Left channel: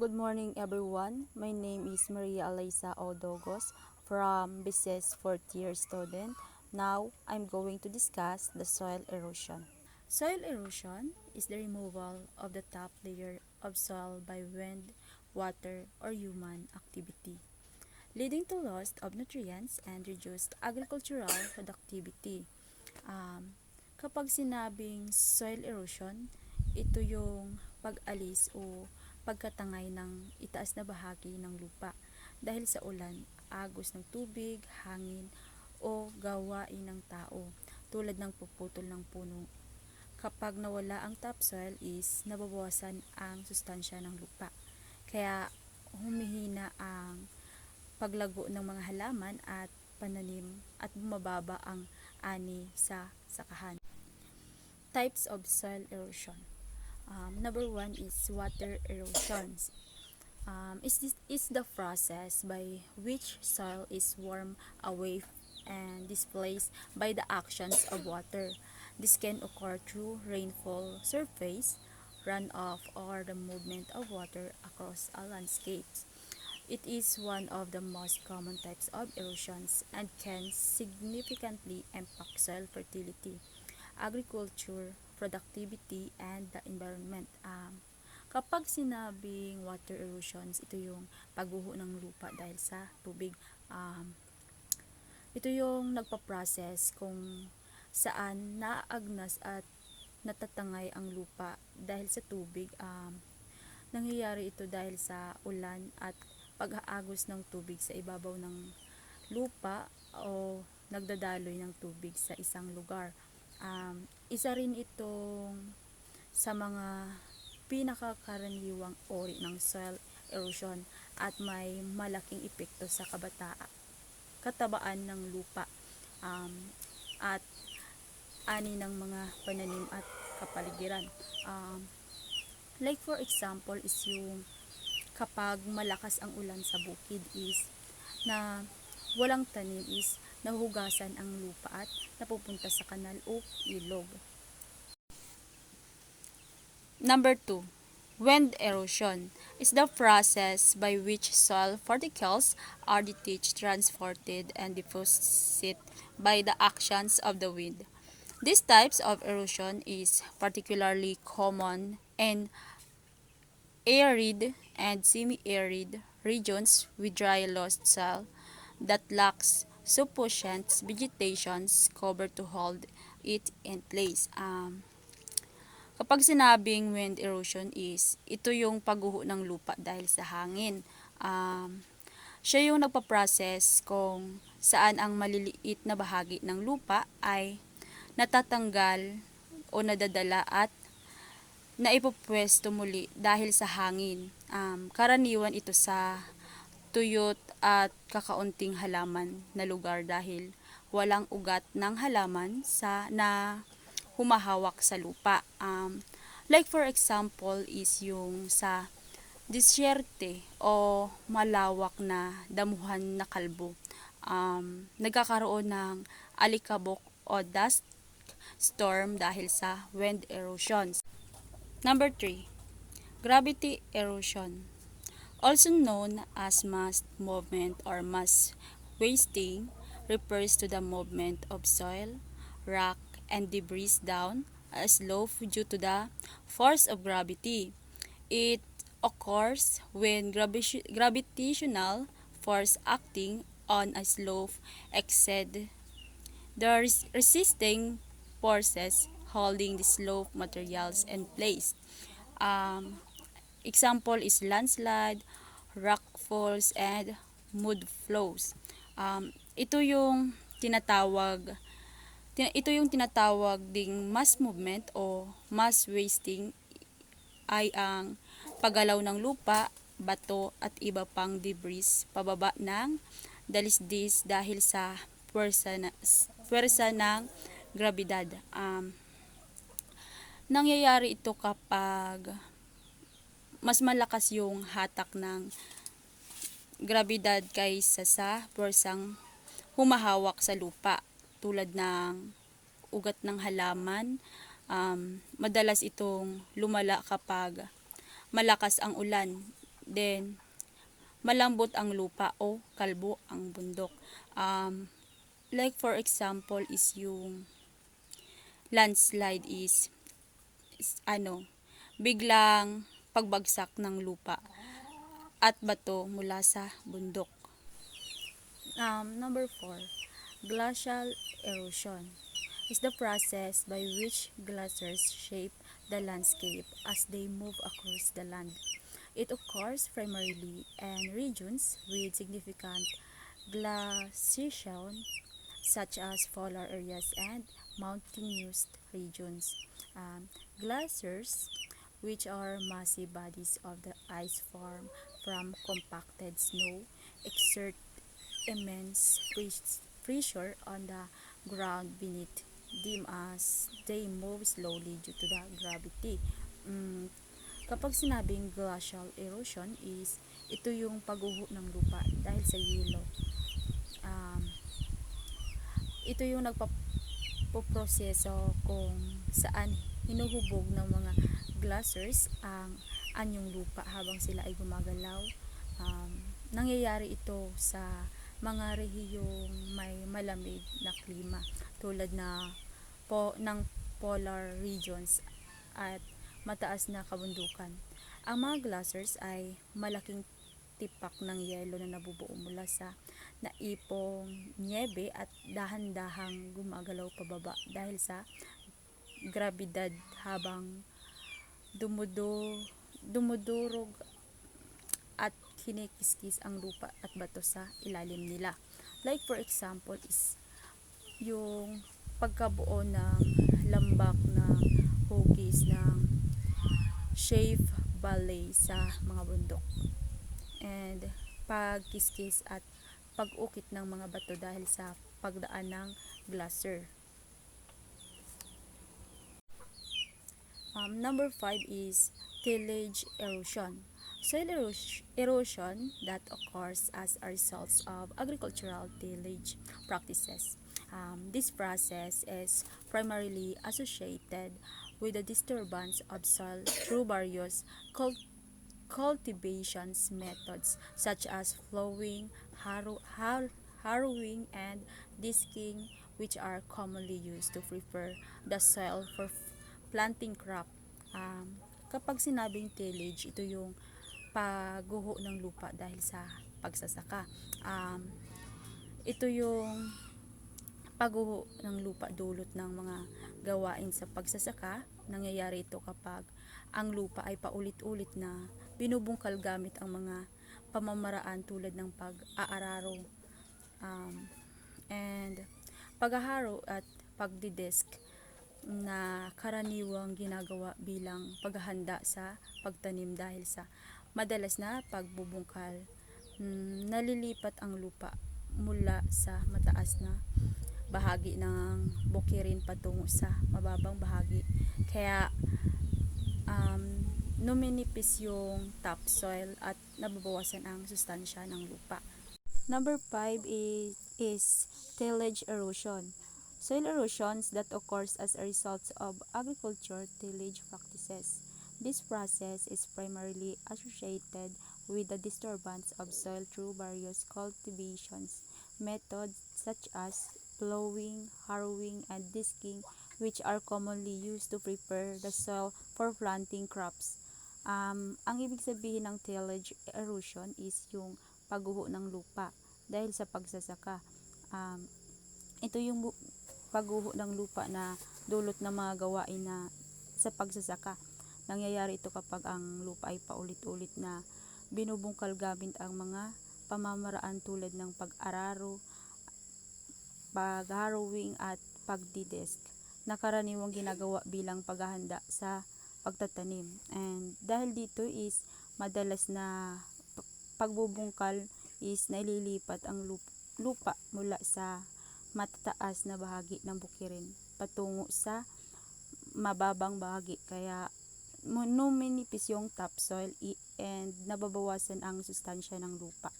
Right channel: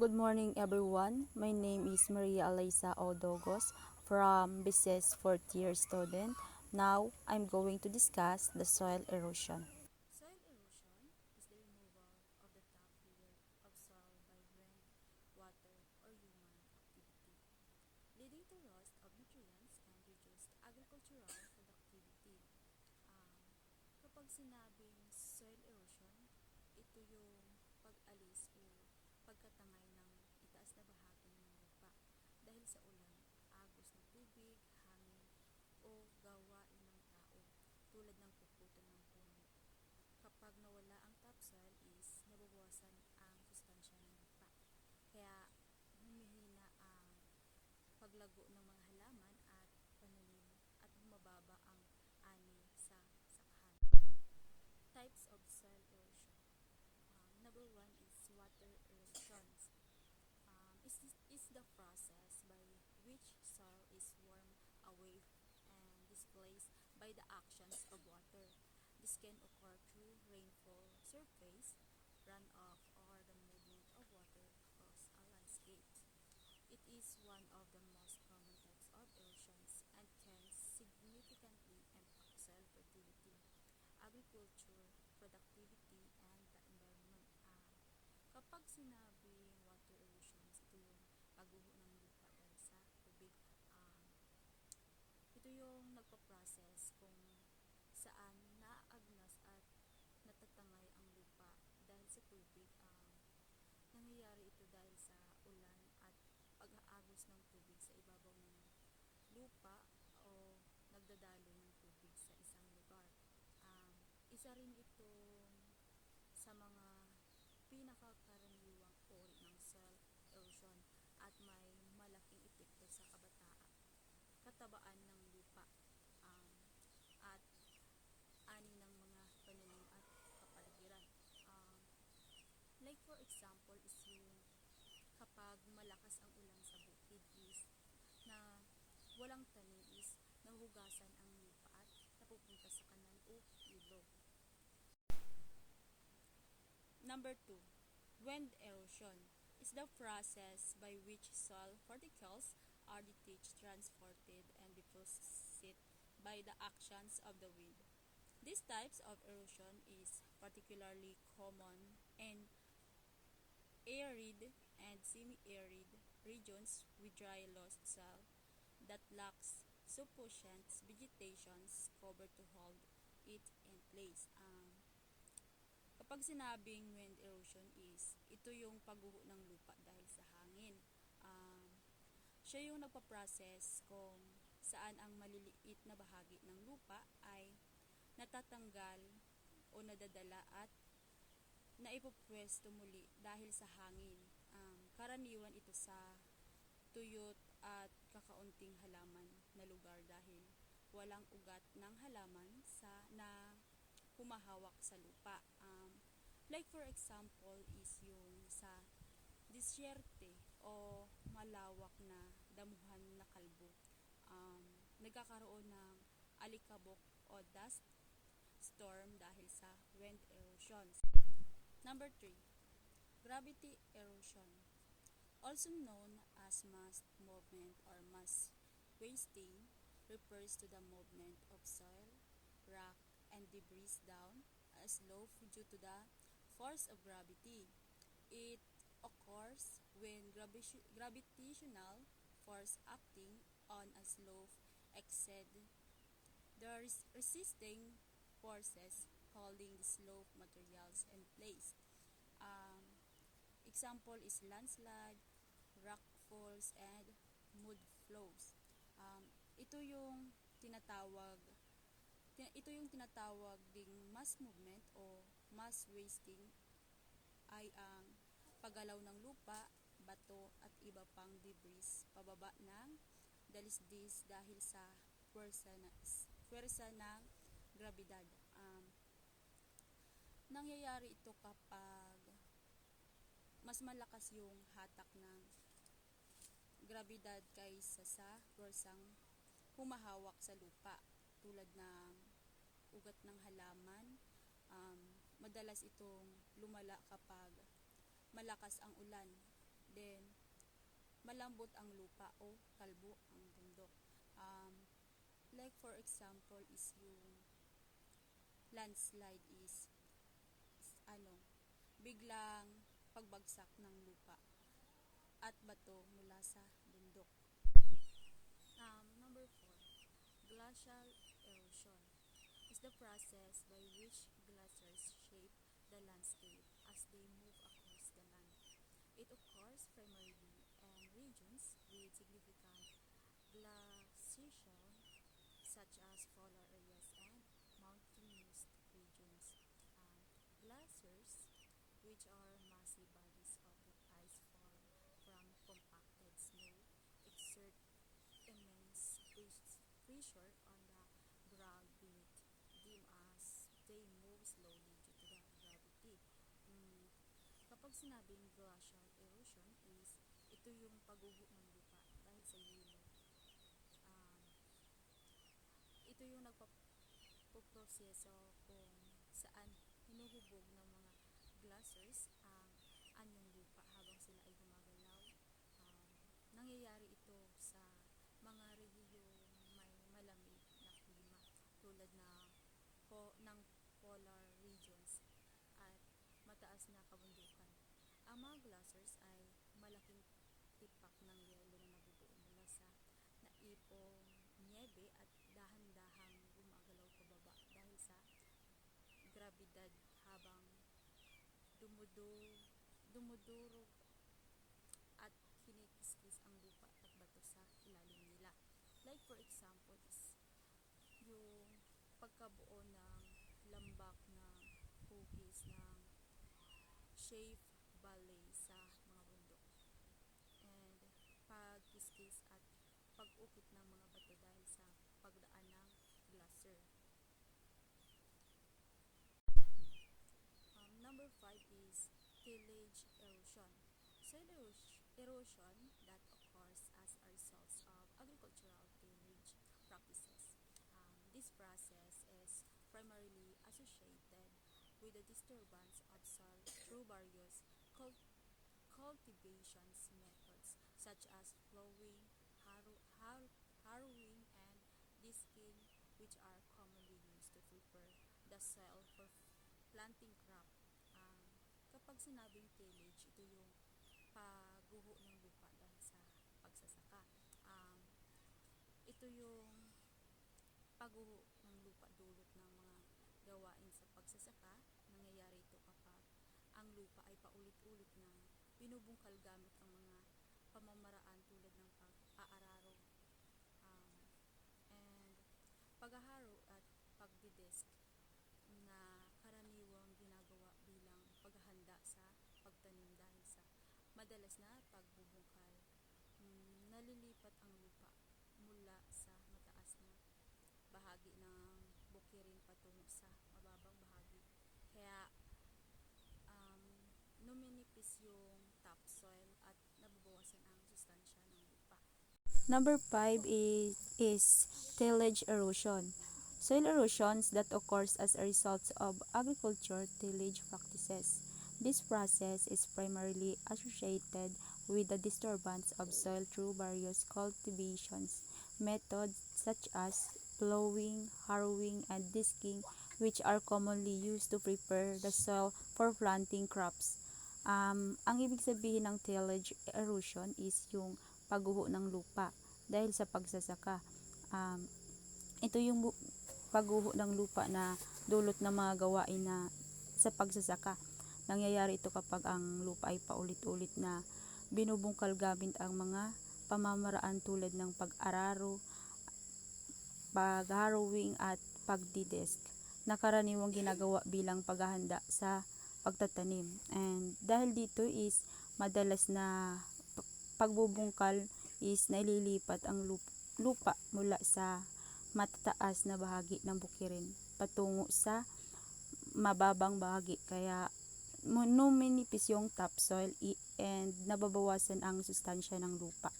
Good morning everyone. My name is Maria Alaysa Odogos from BCS 4th year student. Now, I'm going to discuss the soil erosion. Soil erosion is the removal of the top layer of soil by wind, water, or human activity, leading to loss of nutrients and reduced agricultural productivity. Um, Kapag sinabing soil erosion, ito yung pag-alis o pagkatangay ng itaas na bahagi ng lupa dahil sa ulan, agos ng tubig, hangin, o gawain ng tao tulad ng puputol ng puno. Kapag nawala ang topsoil is nababawasan ang sustansya ng lupa. Kaya humihina ang paglago ng mga halaman at pananim at bumababa ang ani sa sakahan. Types of soil erosion. Number one is water erosion. This is the process by which soil is worn away and displaced by the actions of water. This can occur through rainfall surface, runoff, or the movement of water across a landscape. It is one of the most common types of erosions and can significantly impact soil fertility, agriculture, productivity, and the environment. Kapag sinabing water erosions, ito yung pagguho ng lupa dahil sa tubig. Ito yung nagpa-process kung saan naaagnas at natatangay ang lupa dahil sa tubig. Nangyayari ito dahil sa ulan at pag-aagos ng tubig sa ibabaw ng lupa o nagdadaloy ng tubig sa isang lugar. Isa rin itong sa mga pinakakaraniwang uri ng soil erosion at may malaking epekto sa katabaan ng lupa at ani ng mga pananim at kapaligiran. Like for example is yung kapag malakas ang ulan sa bukid is na walang tanim is nahuhugasan ang lupa at napupunta sa kanal o ilog. Number 2. Wind erosion is the process by which soil particles are detached, transported, and deposited by the actions of the wind. These types of erosion is particularly common in arid and semi-arid regions with dry loess soil that lacks sufficient vegetation cover to hold it in place. Kapag sinabing wind erosion is, ito yung pagguho ng lupa dahil sa hangin. Siya yung nagpa-process kung saan ang maliliit na bahagi ng lupa ay natatanggal o nadadala at naipupwesto muli dahil sa hangin. Karaniwan ito sa tuyot at kakaunting halaman na lugar dahil walang ugat ng halaman na humahawak sa lupa. Like for example is yung sa disyerte o malawak na damuhan na kalbo. Nagkakaroon ng alikabok o dust storm dahil sa wind erosion. Number 3. Gravity erosion. Also known as mass movement or mass wasting, refers to the movement of soil, rock, and debris down a slope due to the force of gravity. It occurs when gravitational force acting on a slope exceed the resisting forces holding the slope materials in place. Example is landslide, rock falls, and mud flows. Ito yung tinatawag ding mass movement o mass wasting ay ang paggalaw ng lupa, bato at iba pang debris pababa ng dalisdis dahil sa puwersa ng grabidad. Nangyayari ito kapag mas malakas yung hatak ng grabidad kaysa sa puwersang humahawak sa lupa tulad ng ugat ng halaman. Madalas itong lumala kapag malakas ang ulan Then, malambot ang lupa o kalbo ang bundok. Like for example is yung landslide is biglang pagbagsak ng lupa at bato mula sa bundok. Number 4, glacial erosion is the process by which glaciers shape the landscape as they move across the land. It occurs primarily in regions with significant glaciation such as polar areas and mountainous regions. Glaciers, which are massive bodies of the ice formed from compacted snow, exert immense pressure on the ground beneath them as they move slowly due to the gravity. Kapag sinabing glacial erosion is ito yung pagguho ng lupa dahil sa yelo. Ito yung nagpaproseso kung saan hinuhubog ng mga glaciers ang anyong lupa habang sila ay gumagalaw. Nangyayari ito sa mga rehiyong may malamig na klima tulad ng polar regions at mataas na kabundukan. Ang mga glaciers ay malaking tipak ng yelo na nabubuo mula sa naipong nyebe at dahan-dahang gumagalaw pababa dahil sa grabidad habang dumudurog at kinikiskis ang lupa at bato sa ilalim nila. Like for example is yung pagkabuo ng lambak na hugis ng Shave Valley sa mga bundok, and pagkiskis at pag-ukit ng mga bato dahil sa pagdaan ng glacier. Number 5 is tillage erosion. Soil erosion that occurs as a result of agricultural tillage practices. This process is primarily associated with the disturbance of soil through various cultivations methods such as plowing, harrowing, and disking, which are commonly used to prepare the soil for planting crop. Kapag sinabing tillage, ito yung pagguho ng lupa dahil sa pagsasaka. Ito yung pagguho ng lupa dulot ng mga gawain sa pagsasaka. Nangyayari ito kapag ang lupa ay paulit-ulit na binubungkal gamit ang mga pamamaraan tulad ng pag-aararo, and pag-aharo at pagdidesk na karaniwang ginagawa bilang paghahanda sa pagtanim dahil sa madalas na pagbubungkal. Nalilipat ang lupa mula sa mataas na bahagi ng bukirin patungo sa mababang bahagi. Kaya numinipis yung topsoil at nababawasan ang sustansya ng lupa. Number 5 is tillage erosion. Soil erosions that occurs as a result of agriculture tillage practices. This process is primarily associated with the disturbance of soil through various cultivations methods such as plowing, harrowing, and disking, which are commonly used to prepare the soil for planting crops. Ang ibig sabihin ng tillage erosion is yung pagguho ng lupa dahil sa pagsasaka. Ito yung pagguho ng lupa na dulot ng mga gawain na sa pagsasaka. Nangyayari ito kapag ang lupa ay paulit-ulit na binubungkal gamit ang mga pamamaraan tulad ng pag-araro, pag-harrowing at pagdidesk na karaniwang ginagawa bilang paghahanda sa pagtatanim. And dahil dito is madalas na pagbubungkal is naililipat ang lupa mula sa matataas na bahagi ng bukirin patungo sa mababang bahagi, kaya numinipis yung topsoil and nababawasan ang sustansya ng lupa.